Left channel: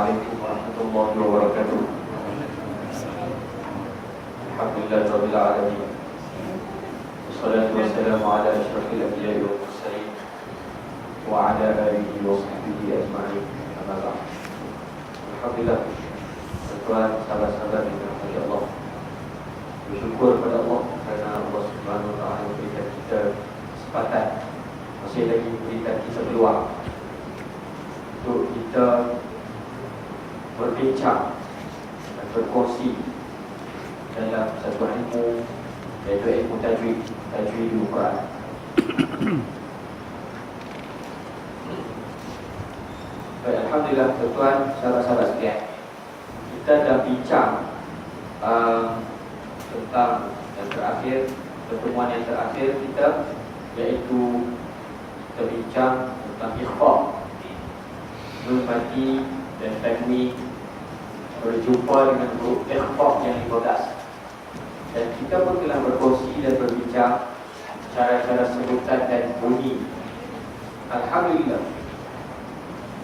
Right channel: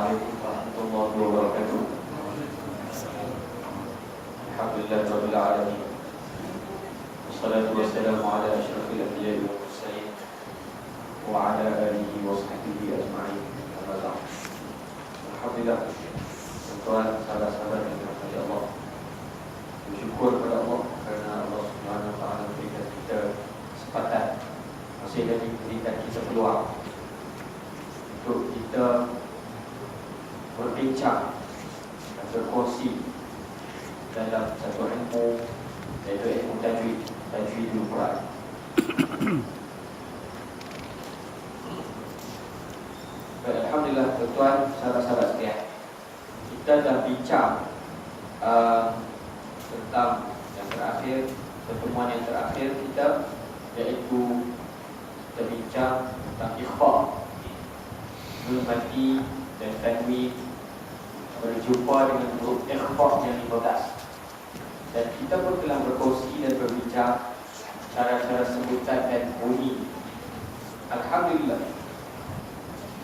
Assalamualaikum warahmatullahi wabarakatuh. Alhamdulillahirabbil alamin. Wassalatu wassalamu ala asyrafil anbiya'i wal mursalin wa ala alihi wa sahbihi ajma'in. Amma ba'd. Alhamdulillah, tuan sahabat-sahabat yang dirahmati Allah, bersyukur kepada Allah kerana Allah Subhanahu wa taala memberikan kita kesempatan, masih lagi memberikan kita peluang untuk kita berbincang dan berkongsi dalam satu ilmu, iaitu ilmu tajwidul Quran. Alhamdulillah, tuan sahabat-sahabat sekalian, kita dah bincang tentang yang terakhir, pertemuan yang terakhir kita, iaitu kita bincang tentang ikhfa, nun mati dan tanwin, berjumpa dengan huruf ikhfa yang 15. Dan kita pun telah berkongsi dan berbincang cara-cara sebutan dan bunyi. Alhamdulillah,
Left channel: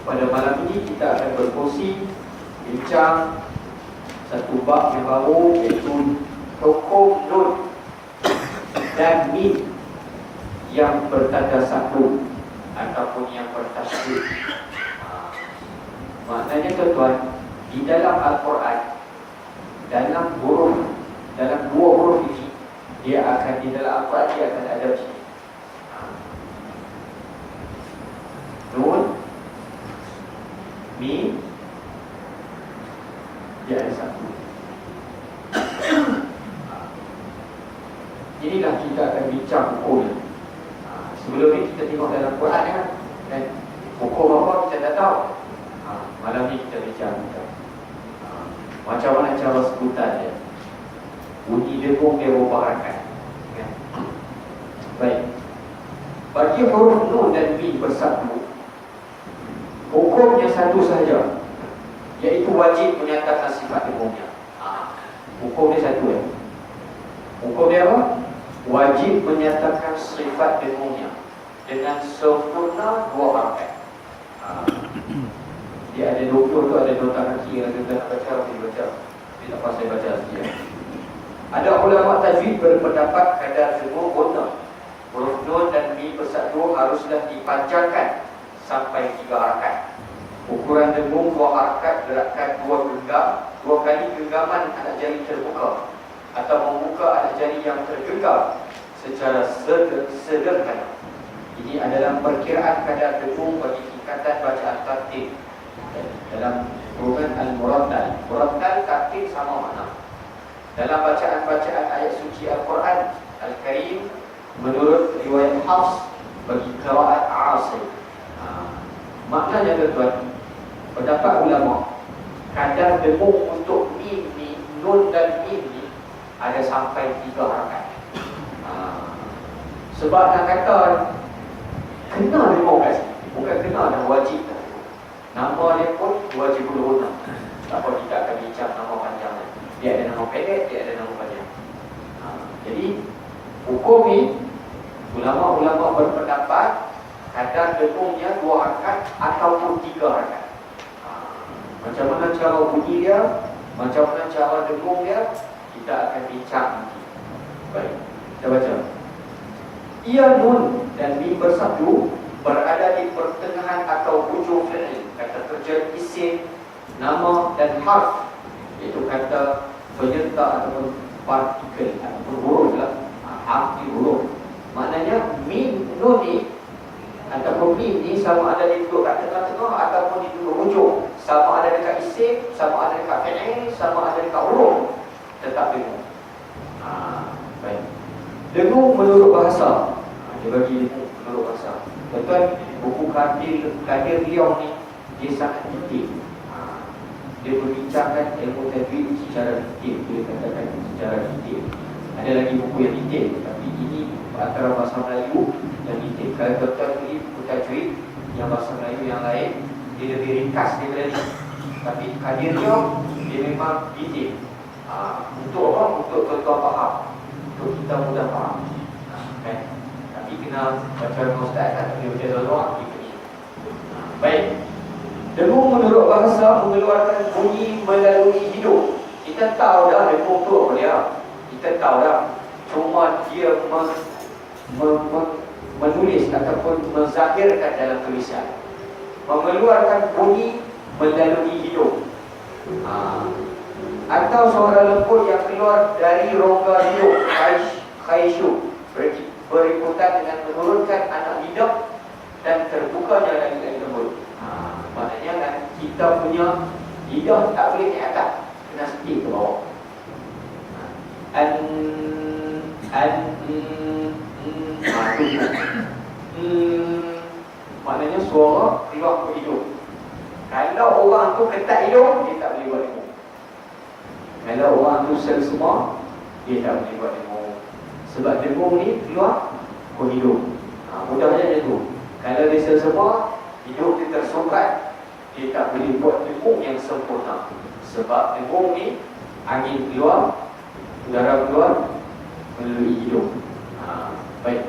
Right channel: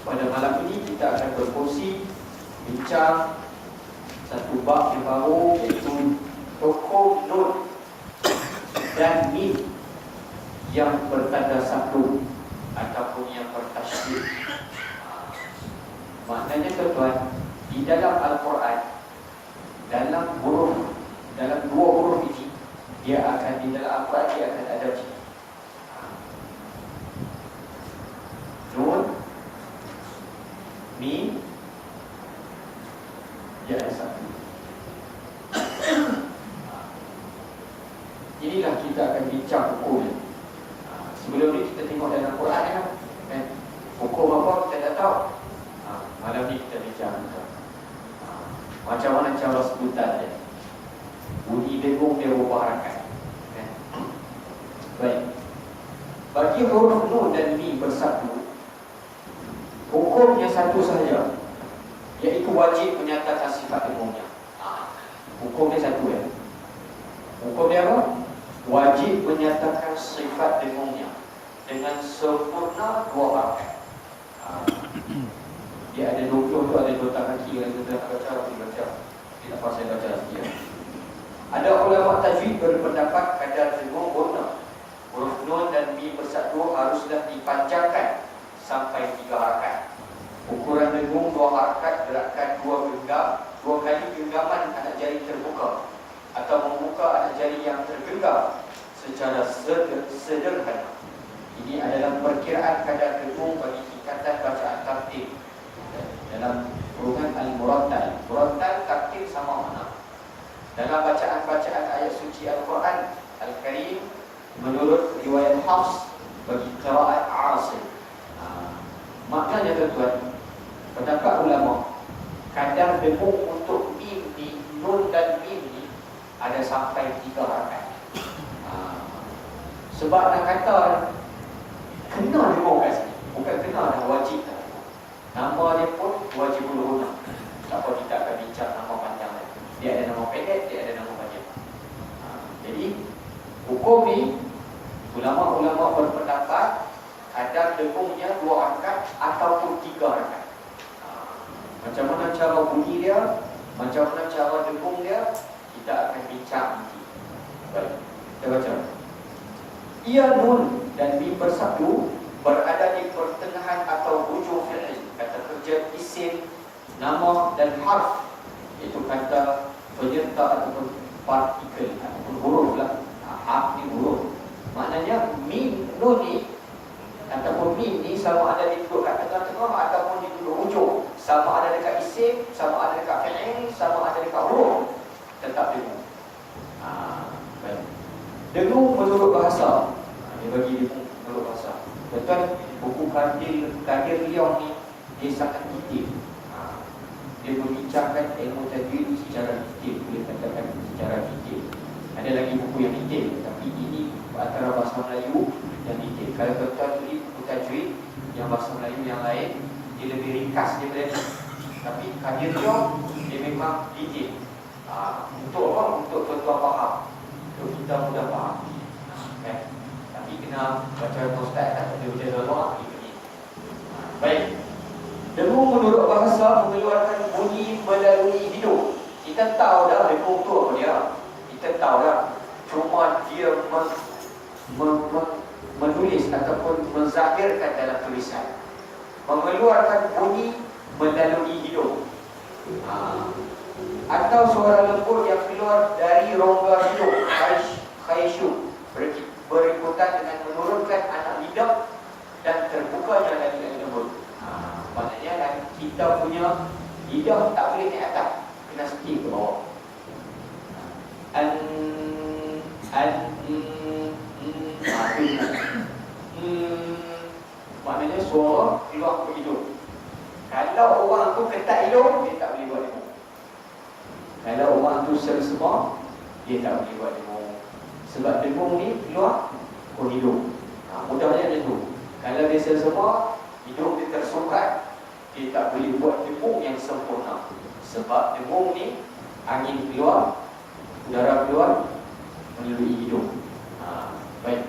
pada malam ini kita akan berkongsi bincang satu bab yang baru, iaitu tokoh nun dan mim yang bertanda satu ataupun yang bertasydid. Maknanya tuan-tuan, di dalam Al-Quran, dalam dua huruf ini, dia akan di dalam Al-Quran dia akan ada macam ni. Nun, mim, dia ada satu. Inilah kita akan bincang hukum. Sebelum ni kita tengok dalam Quran kan, hukum apa kita dah tahu. Malam ni kita bincang macam mana cara sebutan dia, bunyi dengung dia ubah harakat. Baik, bagi huruf nun dan mim bersatu, hukumnya satu sahaja, iaitu wajib menyatakan sifat dengungnya. Hukumnya satu Hukumnya apa? Wajib menyatakan sifat dengungnya dengan sempurna dua harakat. Dia ada 20 tu, ada dua tangan kiri, ada dua tangan baca. Dia tak pasal baca sikit. Ada ulama tajwid berpendapat kadar dengung guna huruf nun dan mim bersatu haruslah dipanjangkan sampai 3 harakat. Ukuran dengung 2 harakat, gerakan 2 genggam, 2 kali genggaman anak jari terbuka atau membuka anak jari yang tergenggam secara sederhana. Ini adalah perkiraan kadar dengung bagi tingkatan bacaan tartil dalam golongan al-murattal. Murattal tartil sama makna. Dalam bacaan-bacaan ayat suci Al-Quran Al-Karim, menurut riwayat Hafs bagi qiraat Asim, maknanya tuan-tuan, pendapat ulama, kadar dengung untuk mim ni, nun dan mim ni ada sampai 3 harakat. Sebab nak kata kena dengung kat sini, bukan kena dah wajib. Nama dia pun wajibul guna. Tak apa, kita akan bincang nama panjang. Dia ada nama pendek, dia ada nama panjang. Jadi hukum ni, ulama-ulama berpendapat kadar dengungnya 2 harakat ataupun 3 harakat. Macam mana cara bunyi dia, macam mana cara dengung dia, kita akan bincang nanti. Baik, kita baca. Ia nun dan mim bersatu berada di pertengahan atau hujung fi'il, kata kerja isim, nama dan harf, iaitu kata penyerta ataupun partikel ataupun huruf lah. Harf ni huruf. Maknanya mim nun ni ataupun mim ni sama ada di duduk kat tengah-tengah ataupun di duduk hujung, sama ada dekat isim, sama ada dekat fi'il, sama ada dekat huruf, tetap dengung. Baik. Dengung menurut bahasa, dia bagi dengung menurut bahasa. Betul, buku Kadir Leong ni dia sangat detail. Dia membincangkan ilmu tajwid secara detail, boleh katakan secara detail. Ada lagi buku yang detail, tapi ini antara bahasa Melayu yang detail. Kalau tuan-tuan beli buku tajwid yang bahasa Melayu yang lain, dia lebih ringkas daripada ni. Tapi Kadir Leong dia memang detail. Untuk apa? Untuk tuan-tuan faham, untuk kita mudah faham. Tapi kena baca ustaz kan, dia baca doa gitu. Baik. Dengung menurut bahasa mengeluarkan bunyi melalui hidung. Kita tahu dah dengung tu apa dia. Kita tahu dah. Cuma dia menulis ataupun menzahirkan dalam tulisan. Mengeluarkan bunyi melalui hidung. Atau suara lembut yang keluar dari rongga hidung, khaysyu, berikutan dengan menurunkan anak lidah dan terbukanya lagi lembut. Maknanya kan kita punya lidah tak boleh ke atas, kena setir ke bawah. Maknanya suara keluar ke hidung. Kalau orang tu ketat hidung, dia tak boleh buat dengung. Kalau orang tu semua, dia tak boleh buat dengung. Sebab dengung ni keluar ke hidung. Mudahnya dia tu. Kalau dia semua, hidung dia tersumbat, dia tak boleh buat dengung yang sempurna. Sebab dengung ni angin keluar, udara keluar melalui hidung. Baik.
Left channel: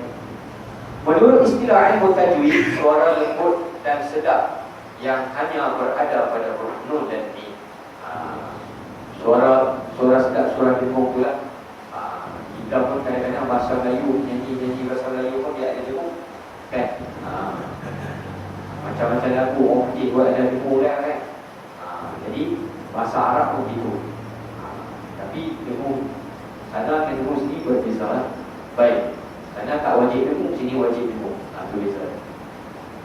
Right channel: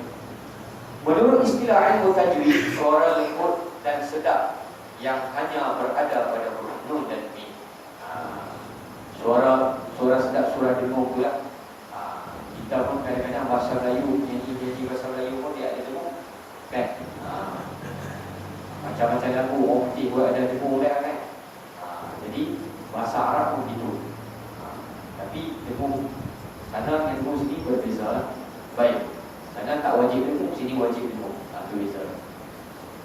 Menurut istilah ilmu tajwid, suara lembut dan sedap yang hanya berada pada huruf nun dan mim. Suara sedap, suara dengung pula. Kita pun kadang-kadang bahasa Melayu, nyanyi bahasa Melayu pun dia ada dengung, kan? Macam-macam lagu orang putih buat ada dengung dia, kan? Jadi bahasa Arab pun begitu. Tapi dengung sana dengan dengung sini berbeza. Baik. Sana tak wajib dengung, sini wajib dengung. Itu beza.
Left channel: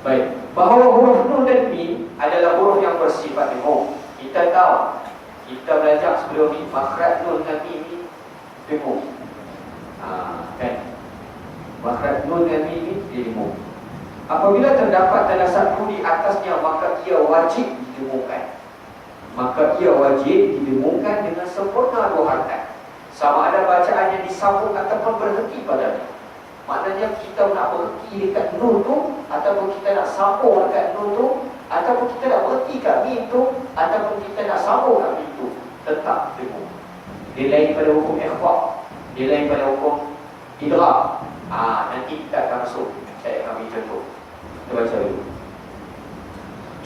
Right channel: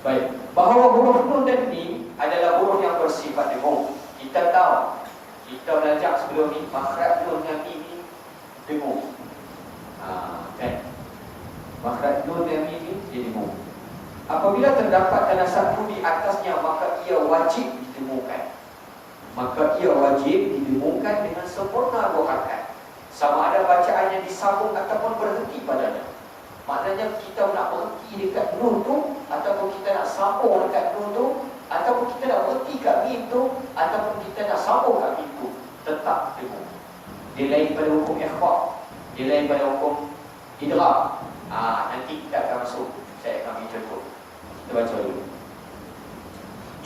Baik. Bahawa huruf nun dan mim adalah huruf yang bersifat dengung. Kita tahu, kita belajar sebelum ni, makhraj nun dan mim ni dengung. Kan? Makhraj nun dan mim ni dia dengung. Apabila terdapat tanda satu di atasnya, maka ia wajib didengungkan. Maka ia wajib didengungkan dengan sempurna dua harakat. Sama ada bacaan yang disambung ataupun berhenti padanya. Maknanya kita nak berhenti dekat nun tu, ataupun kita nak sambung dekat nun tu, ataupun kita nak berhenti kat mim tu, ataupun kita nak sambung kat mim tu, tetap dengung. Dia lain pada hukum ikhfa, dia lain pada hukum idgham. Nanti kita akan masuk, saya akan ambil contoh. Kita baca dulu.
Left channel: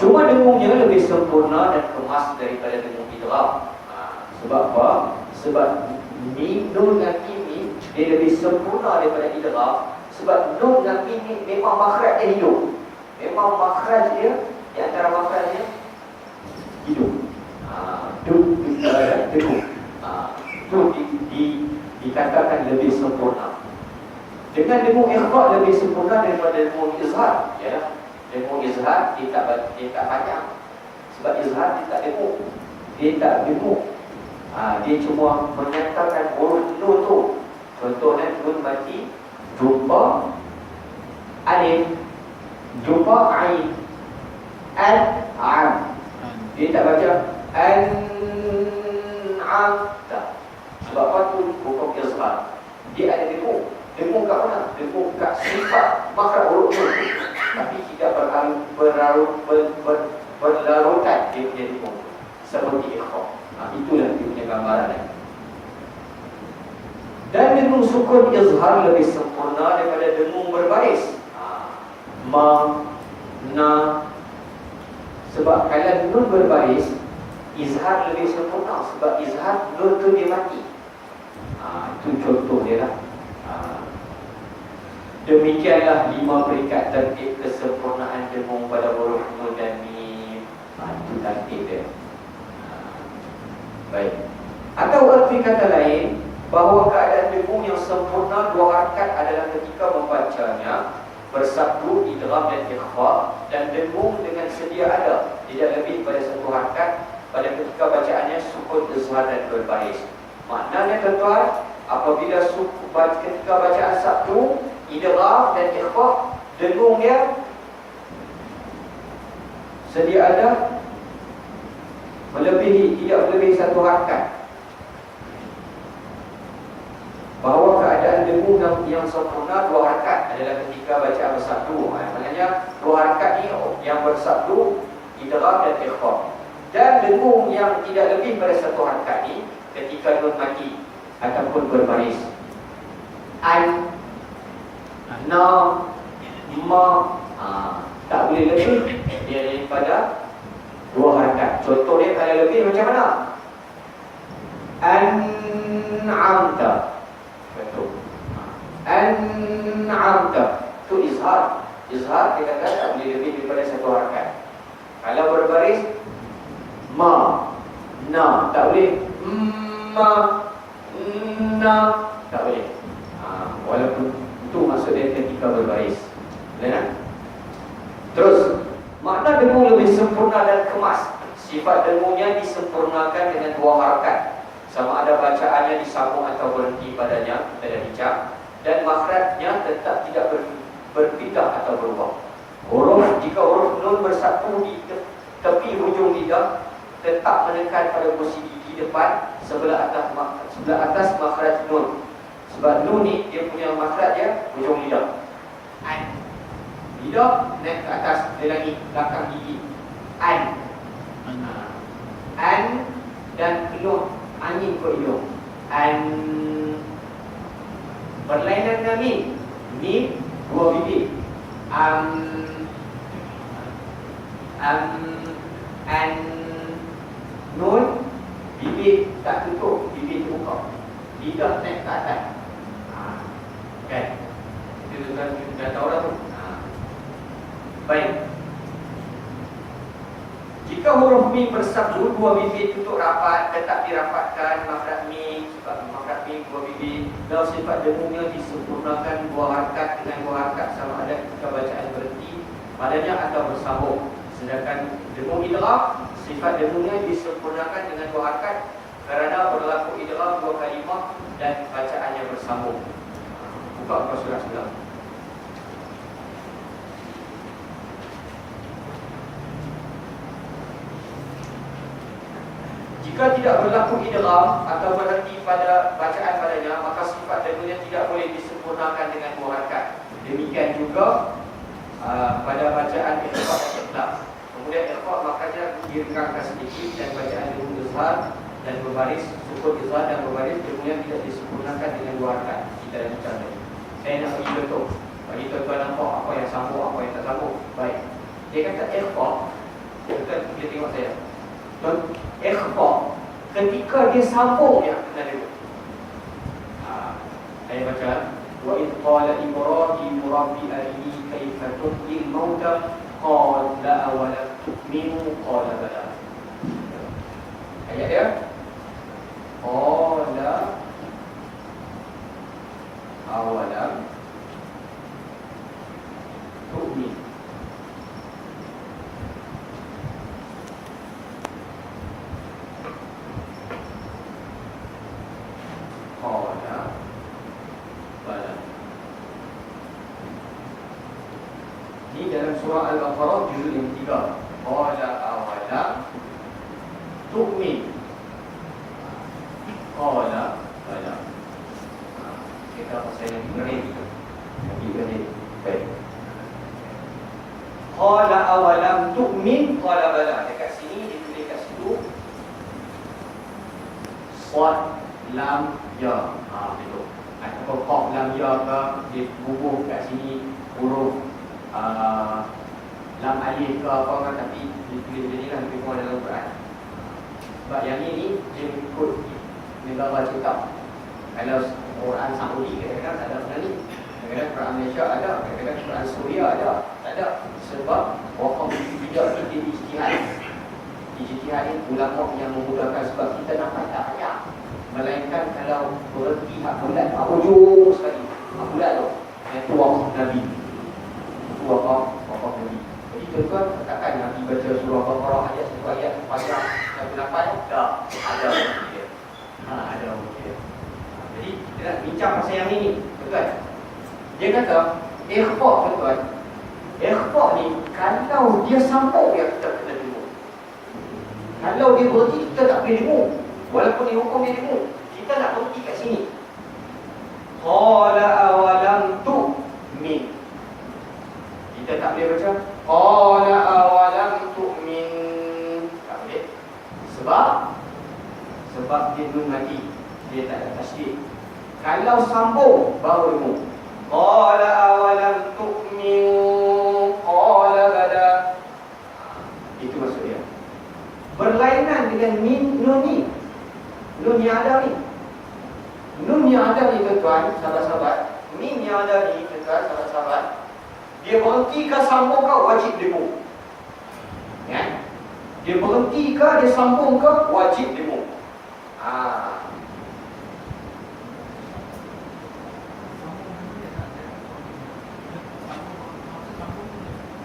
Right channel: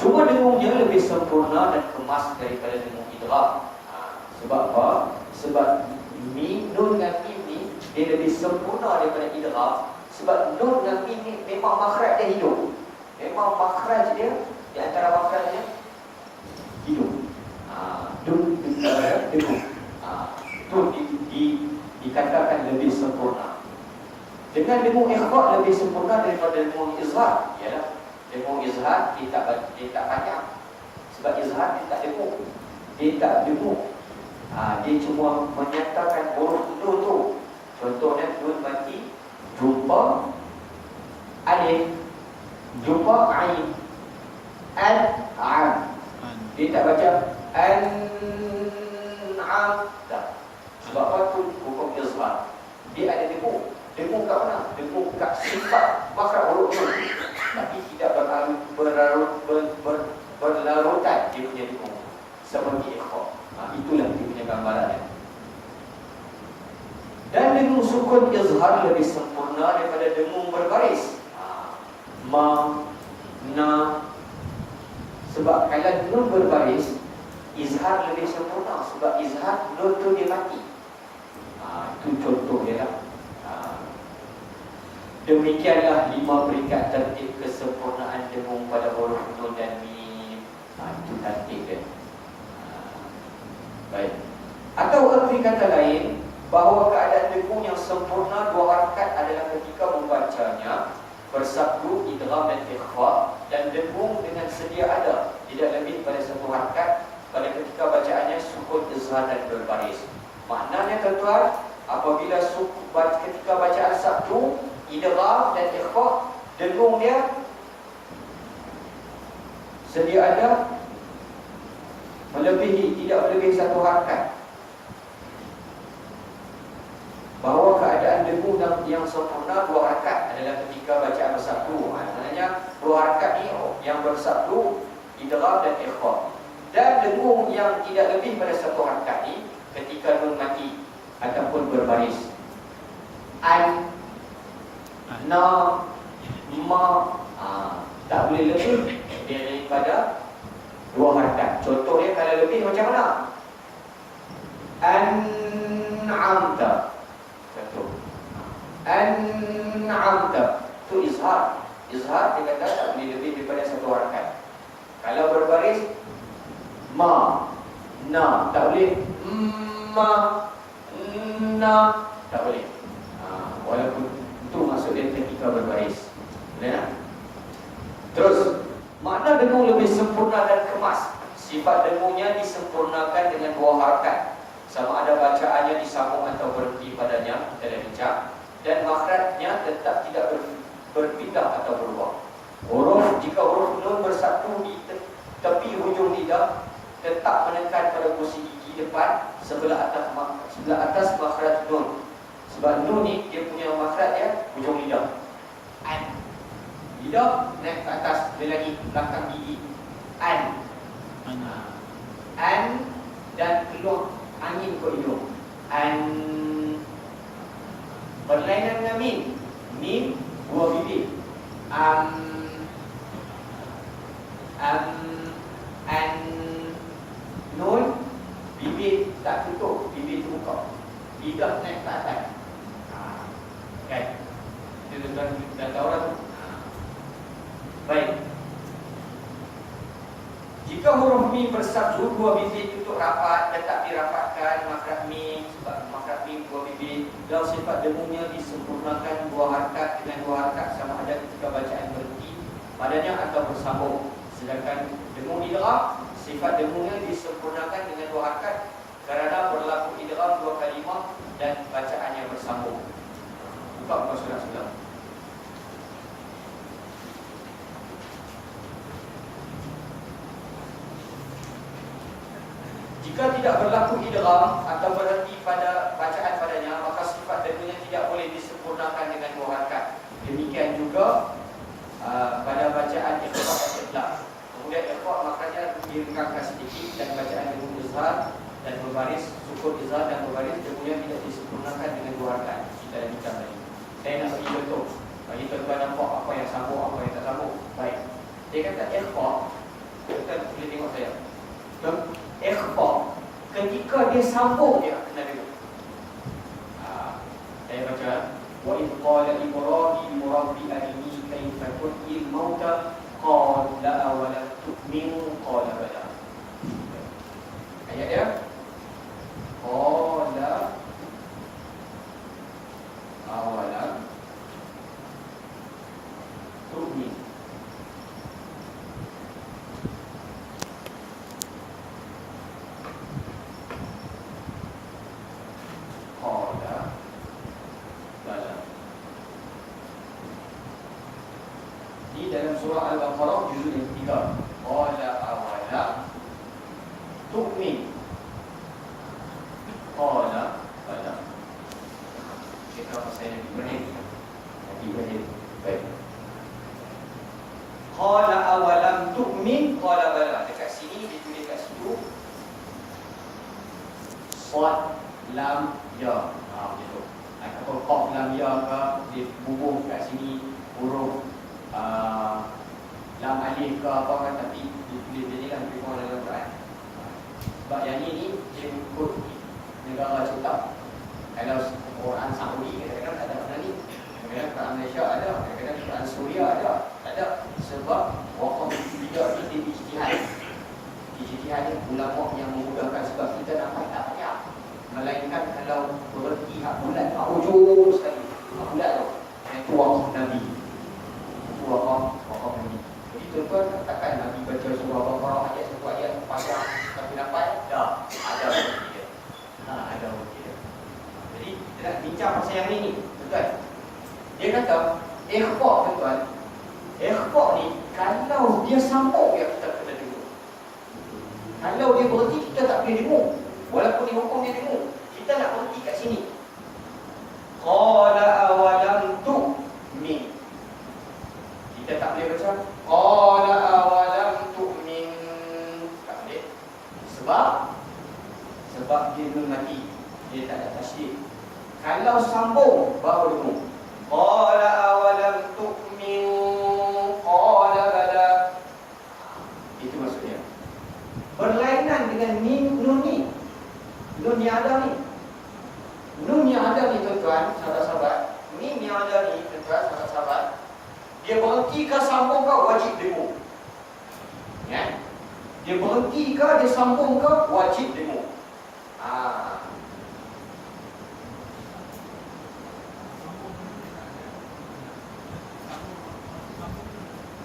Cuma dengungnya lebih sempurna dan kemas daripada dengung idgham. Sebab apa? Sebab mim, nun dan mim ni dia lebih sempurna daripada idgham. Sebab nun dan mim ni memang makhraj dia hidung. Memang makhraj dia, di antara makhrajnya hidung. Dikatakan lebih sempurna. Dengan dengung ikhfa lebih sempurna daripada dengung izhar. Yalah, dengung izhar dia tak banyak. Sebab izhar dia tak dengung. Dia tak dengung. Dia cuma menyatakan huruf nun tu. Contohnya nun mati jumpa alif, jumpa ain, an. Dia tak baca an-am. Sebab apa tu? Hukum izhar. Dia ada dengung. Dengung kat mana? Dengung kat sifat makhraj huruf nun. Tapi tidak berlarutan dia punya dengung seperti ikhfa. Itulah dia punya gambaran. Dan dengung sukun izhar lebih sempurna daripada dengung berbaris. Ma, na. Sebab kalau nun berbaris, izhar lebih sempurna. Sebab izhar nun tu dia mati. Itu contoh dia lah. Demikianlah 5 peringkat tertib kesempurnaan dengung pada huruf nun dan mim. Itu tertib dia. Baik. Atau arti kata lain, bahawa keadaan dengung yang sempurna dua harakat adalah ketika membacanya bersabdu idgham dan ikhfa, dan dengung dengan sedia ada tidak lebih pada satu harakat pada ketika bacaannya sukun izhar dan berbaris. Maknanya tuan, apabila ketika bacaan sabdu idgham dan ikhfa, dengung dia sedia ada tidak melebihi satu harakat. Bahawa keadaan dengung yang sempurna dua harakat adalah ketika bacaan bersabdu. Maknanya dua harakat ni yang bersabdu idgham dan ikhfa. Dan dengung yang tidak lebih pada satu harakat ni ketika nun mati ataupun berbaris. An, na, ma, tak boleh lebih dia daripada Dua harakat. Contoh dia kalau lebih macam mana? An'amta. Contoh. An'amta. Itu izhar. Izhar dia kata tak boleh lebih daripada satu harakat. Kalau berbaris, ma, na, tak boleh. Ma, na, tak boleh. Walaupun itu maksud dia ketika berbaris. Boleh tak? Terus, makna dengung lebih sempurna dan kemas. Sifat dengungnya disempurnakan dengan dua harakat. Sama ada bacaannya disambung atau berhenti padanya, kita dah bincang. Dan makhrajnya tetap tidak berpindah atau berubah. Jika huruf nun bersatu di tepi hujung lidah, tetap menekan pada kursi gigi depan sebelah atas makhraj nun. Sebab nun ni dia punya makhraj dia hujung lidah. An. Lidah naik ke atas, dia lagi belakang gigi. An. An dan hidung angin ke hidung. An. Berlainan dengan mim. Mim dua bibir. An. Nun bibir tak tutup, bibir terbuka. Lidah naik ke atas. Kan? Itu dah tahu dah tu. Baik. Jika huruf mim bersatu, dua bibir tutup rapat, tetap dirapatkan makhraj mim, sebab makhraj mim dua bibir. Dan sifat dengungnya disempurnakan dua harakat dengan dua harakat sama ada ketika bacaan berhenti padanya atau bersambung. Sedangkan dengung idgham, sifat dengungnya disempurnakan dengan dua harakat kerana berlaku idgham dua kalimah dan bacaannya bersambung. Buka surah sebelah. Jika tidak berlaku idgham atau berhenti pada bacaan padanya, maka sifat dengungnya tidak boleh disempurnakan dengan dua harakat. Demikian juga pada bacaan ikhfa dan ikhlas. Kemudian ikhfa maknanya direngangkan sedikit dan bacaan dengung izhar dan berbaris, sukun izhar dan berbaris dengungnya tidak disempurnakan dengan dua harakat. Kita dah bincang tadi. Saya nak bagi contoh. Bagi tuan-tuan nampak apa yang sambung, apa yang tak sambung. Baik. Dia kata ikhfa. Kita boleh tengok saya. Ikhfa ketika dia sambung dia kena dulu. Saya baca wa id qala ibrahim rabbi arini kaifa tuhyil mauta qala awalam tu'minu qala bala. Ayat dia qala awalam tu'min. Ini dalam surah Al-Baqarah juzuk yang 3. Qala awalam tu'min. Qala bala. Kita saya beri. Baik. Qala awalam tu'min qala bala. Dekat sini ditulis kat situ Shad lam ya. Betul. Ataupun qaf lam ya ke dibubuh kat sini huruf lam alif ke apa kan, tapi ditulis jadi lah lebih kurang dalam Quran. Sebab yang ini dia mengikut negara cetak. Kalau Quran Saudi kadang-kadang tak ada Quran ni, kadang-kadang Quran Malaysia ada, kadang-kadang Quran Suria ada. Tak ada. Sebab wakaf bijak ni dia ijtihad. Ijtihad ni ulama yang memudahkan, sebab kita nampak tak banyak. Melainkan kalau berhenti hak bulat, ujung sekali hak bulat tu, itu wakaf Nabi, itu wakaf Nabi. Jadi tuan-tuan, katakan Nabi baca surah Baqarah ayat satu ayat pasal 68, tak ada dia. Ada dia. Jadi kita nak bincang pasal yang ini, tuan. Dia kata ikhfa, tuan. Ikhfa ni kalau dia sambung ya kita kena dengung. Kalau dia berhenti kita tak boleh dengung. Walaupun dihukum dia dengung, kita nak berhenti kat sini. Qala awalam tu'min. Kita tak boleh baca qala awalam tu'min. Tak boleh. Sebab dia nun lagi, dia tak ada tasydid. Kalau sambung baru dengung. Qala awalam tu'min qala bala. Itu maksud dia. dengan mim nun ni. Nun yang ada ni. Nun yang ada ni tuan-tuan, sahabat-sahabat. Mim yang ada ni tuan-tuan, sahabat-sahabat. Dia berhenti ke sambung ke wajib dengung. Ya. Dia berhenti ke dia sambung ke wajib dengung.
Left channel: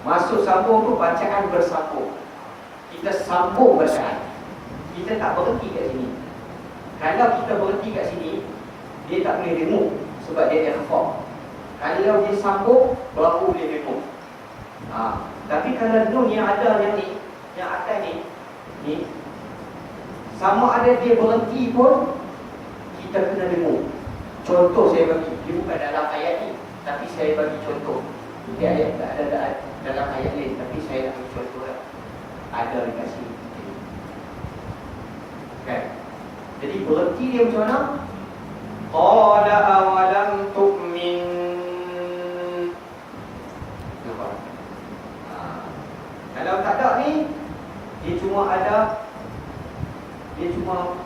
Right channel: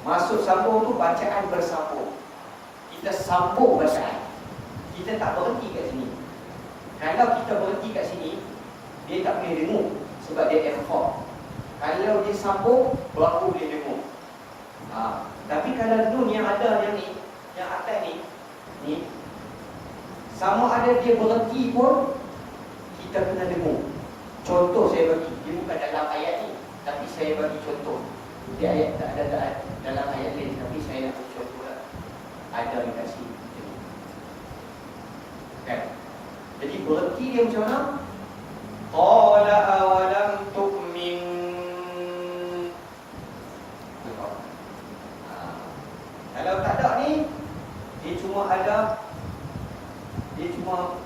Masuk sambung tu bacaan bersambung. Kita sambung bacaan. Kita tak berhenti kat sini. Kalau kita berhenti kat sini, dia tak boleh dengung sebab dia ikhfa. Kalau dia sambung, baru boleh dengung. Tapi kalau nun yang ada yang ni, yang atas ni sama ada dia berhenti pun kita kena dengung. Contoh saya bagi, dia bukan dalam ayat ni, tapi saya bagi contoh. Dia ayat tak ada dalam ayat lain, tapi saya nak bagi contoh lah. Ada dekat sini. Kan? Jadi berhenti dia macam mana? Qala awalam tu'min. Kalau tak ada ni, dia cuma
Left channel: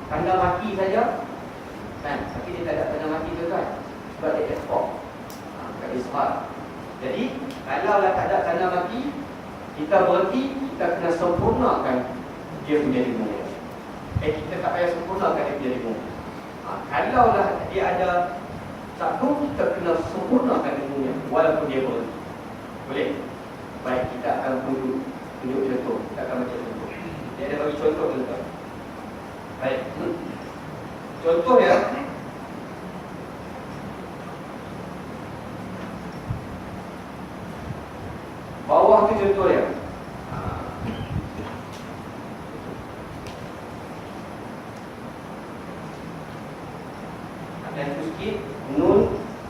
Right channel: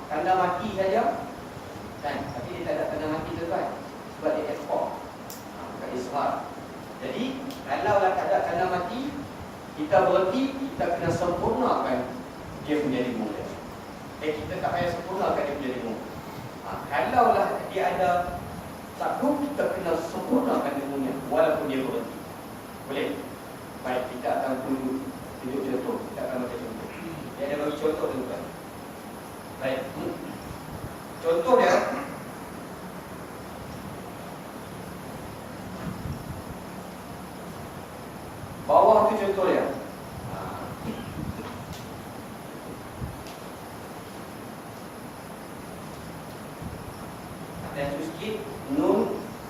tanda mati saja, kan? Tapi dia tak ada tanda mati tu kan? Sebab dia ikhfa, tak ishar. Jadi kalaulah tak ada tanda mati, kita berhenti, kita kena sempurnakan dia punya dengung. Kita tak payah sempurnakan dia punya dengung. Kalaulah dia ada satu, kita kena sempurnakan dengungnya walaupun dia berhenti. Boleh? Baik, kita akan tunjuk contoh. Kita akan baca contoh. Dia ada bagi contoh dulu kan. Baik. Contoh dia, bawah tu contoh dia. Dan tu sikit, nun,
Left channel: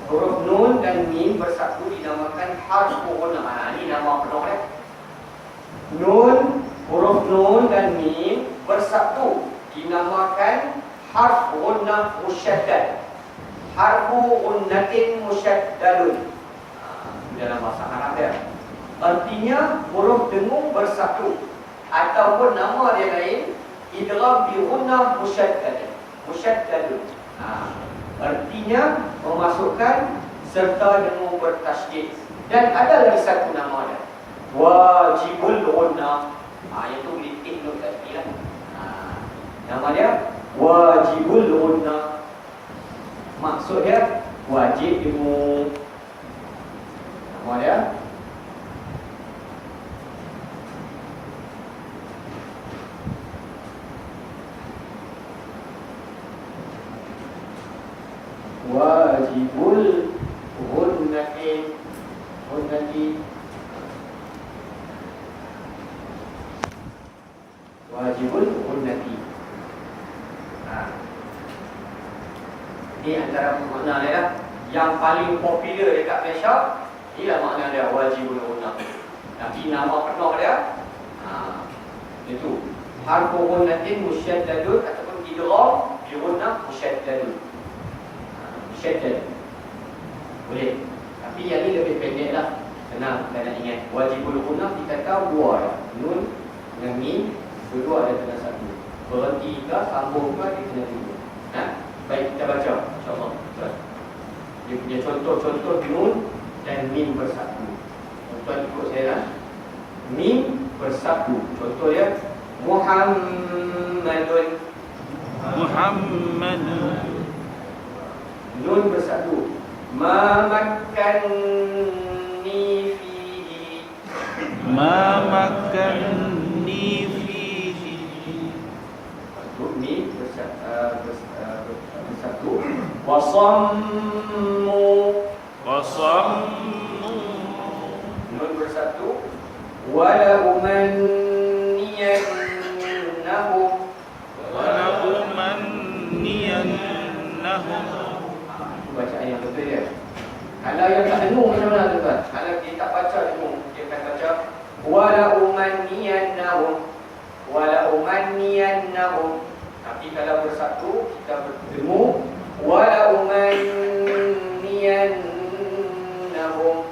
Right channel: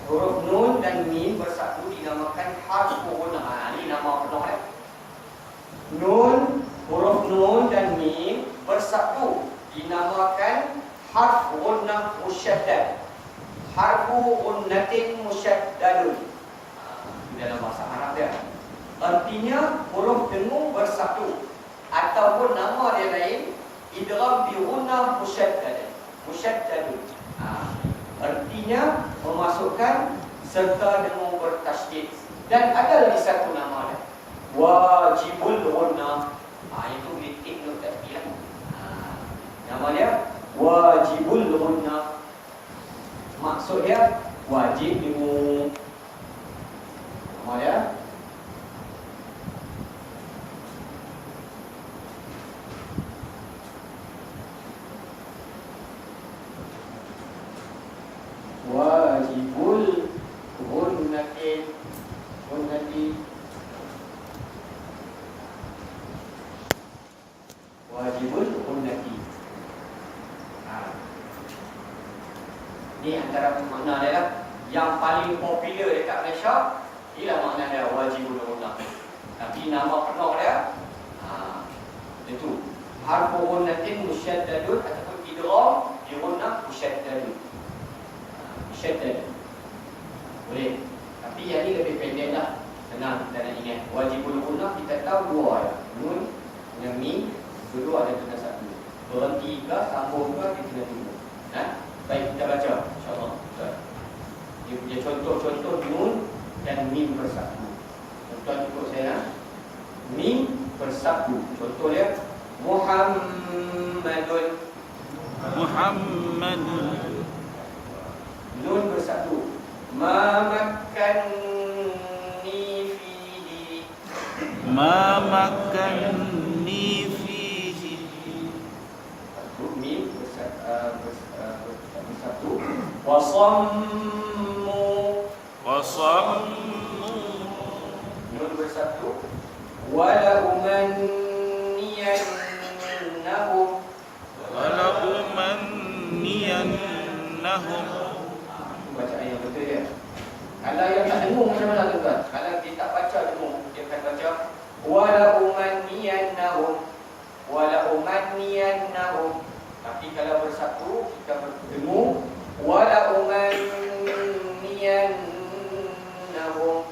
huruf nun dan mim bersatu dinamakan harf qur'an. Ini nama penuh dia. Nun, huruf nun dan mim bersatu dinamakan harf gunnah musyaddad. Harfu gunnatin musyaddadun. Dalam bahasa Arab dia. Artinya huruf dengung bersatu, ataupun nama dia lain idgham bi gunnah musyaddadun. Artinya memasukkan serta dengung bertasydid. Dan ada lagi satu nama dia, wajibul gunnah. Itu litik nun tadi lah. Nama dia wajibul gunnah. Maksud dia wajib dengung. Nama dia wajibul gunnati. Wajibul gunnati. Ini antara makna dia lah. Yang paling popular dekat Malaysia, inilah makna dia wajibul gunnati. Tapi nama penuh dia itu harfu gunnatin musyaddadun ataupun idgham bi gunnah musyaddadun. Boleh. Tapi yang ni lebih pendek lah. Senang kita nak ingat. Wajibul gunnah kita tahu dua lah. Nun dengan mim, dua ada kena satu. Berhenti ke, sambung ke, dia kena dulu. Baik, kita baca InsyaAllah. Dia punya contoh-contoh nun dan mim bersatu. Tuan ikut saya lah. Mim bersatu. Contoh dia Muhammadun. Nun bersatu. Ma makkanni fihi. Mim bersatu. Wasammu. Nun bersatu. Wala umanniyannahum. Bacaan yang betul dia. Kalau yang tak dengung macam mana tuan? Kalau dia tak baca dengung, dia akan baca wala umanniyannahum. Tapi kalau bersatu kita berdengung wala umanniyannahum.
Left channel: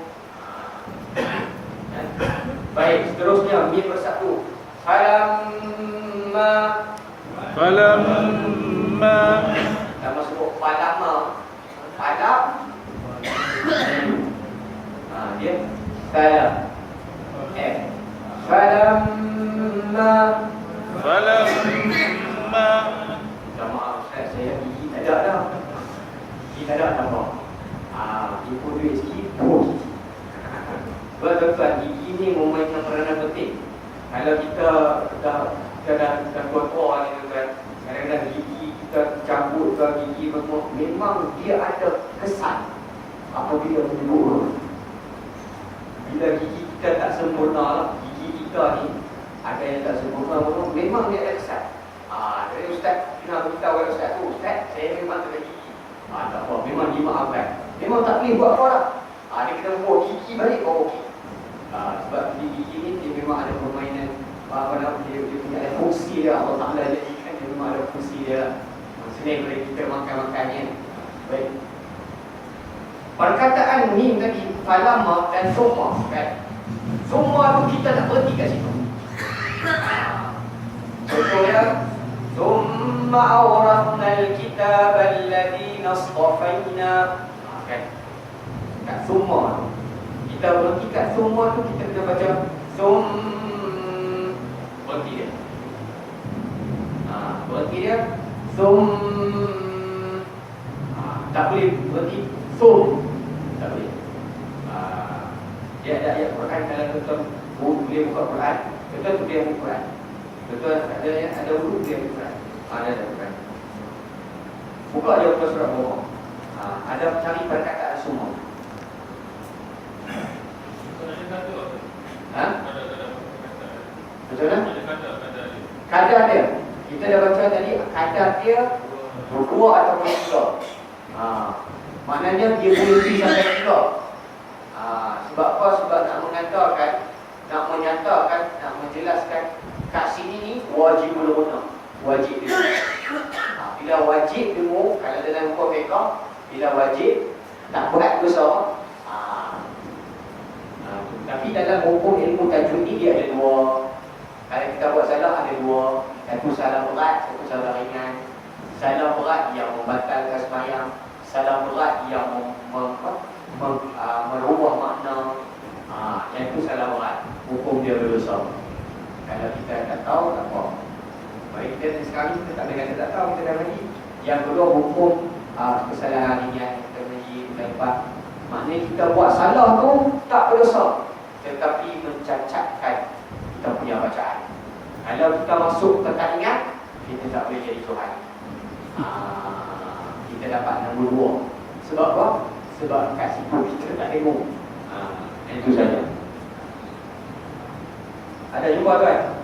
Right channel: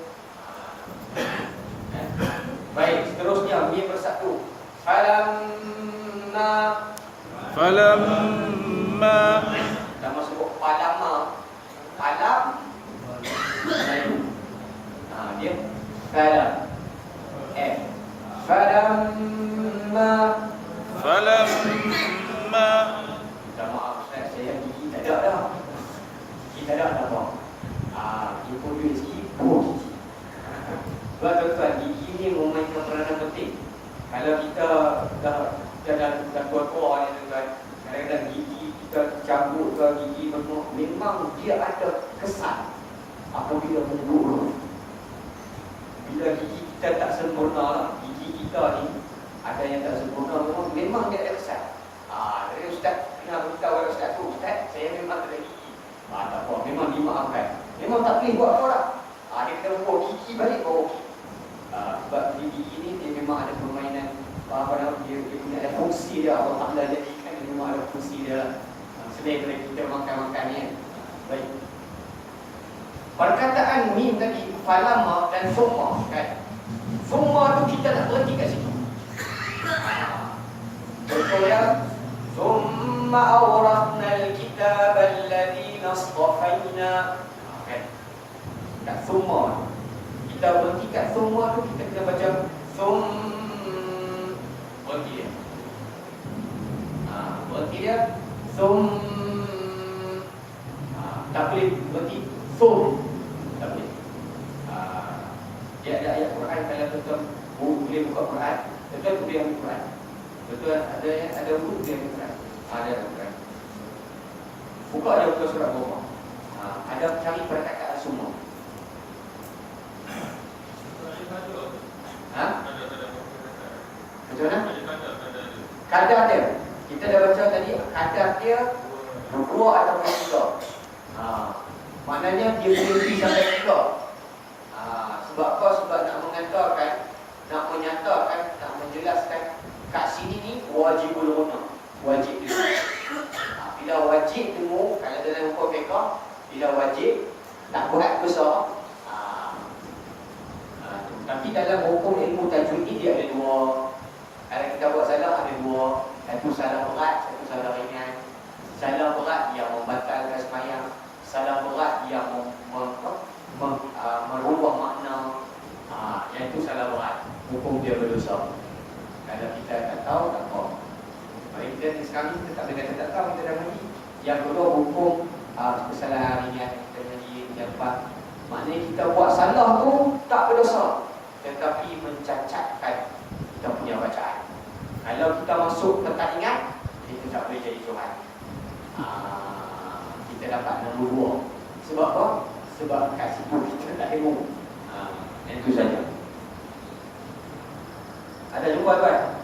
Baik, seterusnya mim bersatu. Falamma falamma Sama sebut falama. Falam. Dia falam. Falamma. falamma Minta maaf Ustaz, saya gigi tak ada dah. Gigi tak ada tak apa. Ibu duit sikit, terus. Sebab tuan-tuan, gigi ni memainkan peranan penting. Kalau kita dah tua-tua ni tuan, kadang-kadang gigi kita cabut ke gigi bermuak, memang dia ada kesan apabila berdua. Bila gigi kita tak sempurna lah, gigi kita ni ada yang tak sempurna, memang dia ada kesan. Jadi Ustaz kena beritahu kepada Ustaz tu, Ustaz saya memang tak ada gigi. Tak apa, memang dimaafkan. Memang tak boleh buat apa dah. Dia kena buat gigi balik bawa gigi. Sebab gigi ni dia memang ada permainan, dia punya ada fungsi dia. Allah Ta'ala jadikan dia memang ada fungsi dia lah. Selain daripada kita makan-makan ni. Baik. Perkataan mim tadi, falama dan summa kan. Summa tu kita tak berhenti kat situ. Contohnya, summa awrathna al-kitab alladhina astafaina. Kan? Kat summa kita berhenti kat summa tu, kita kena baca berhenti dia. Berhenti dia tak boleh berhenti tak boleh. Dia ada ayat Quran, kalau tuan boleh buka Quran, tuan boleh ambil Quran. Tuan ada huruf dia ambil Quran. Ada Quran. Buka dia buka surat Muhammad. Ada cari perkataan semua. Macam mana? Kadar dia. Kita dah baca tadi, kadar dia 2 ataupun 3. Maknanya dia boleh pergi sampai 3. Sebab apa? Sebab nak menyatakan, nak menjelaskan kat sini ni wajibul guna. Wajib dia. Bila wajib demo, kalau dalam hukum fiqh, bila wajib tak buat besar. Tapi dalam hukum ilmu tajwid ni dia ada 2. Kalau kita buat salah ada 2. Satu salah berat, satu salah ringan. Salah berat yang membatalkan sembahyang, salah berat yang merubah makna. Yang itu salah berat. Hukum dia berdosa. Kalau kita tak tahu, tak apa. Baik, kita sekarang kita tak boleh kata tak tahu, kita dah mengaji. Yang kedua, hukum kesalahan ringan, kita mengaji, kita lepas. Maknanya kita buat salah tu tak berdosa, tetapi mencacatkan kita punya bacaan. Kalau kita masuk ke tak ingat, kita tak boleh jadi Tuhan. Kita dapat nombor 2. Sebab apa? Sebab kat situ kita tak ilmu. Itu saja. Ada jumpa tuan?